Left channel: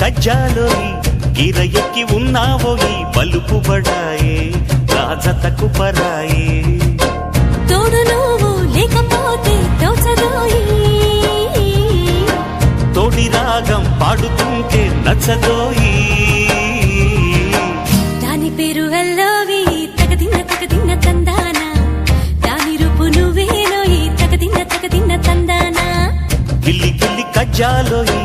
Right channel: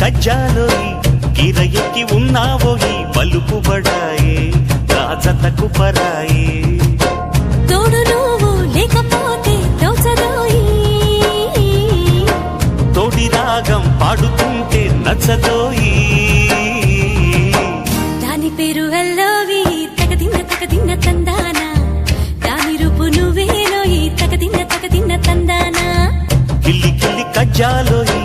కజ్జాలోయి గిర ఎక్కి ఉన్నావోయి బలుపు బడాయే రాజతకు పరాయే తోడు నువ్వు లేకపోతే తోచదోయి తోడి రాగం పాడుతుంటే నచ్చదోయి దాని పేరు అల్లోవి తగదిన్న తందానా దాని రూపు నువ్వేనోయి తగదిన్న తందానా గిల్లి గిల్లి కజ్జాలోయి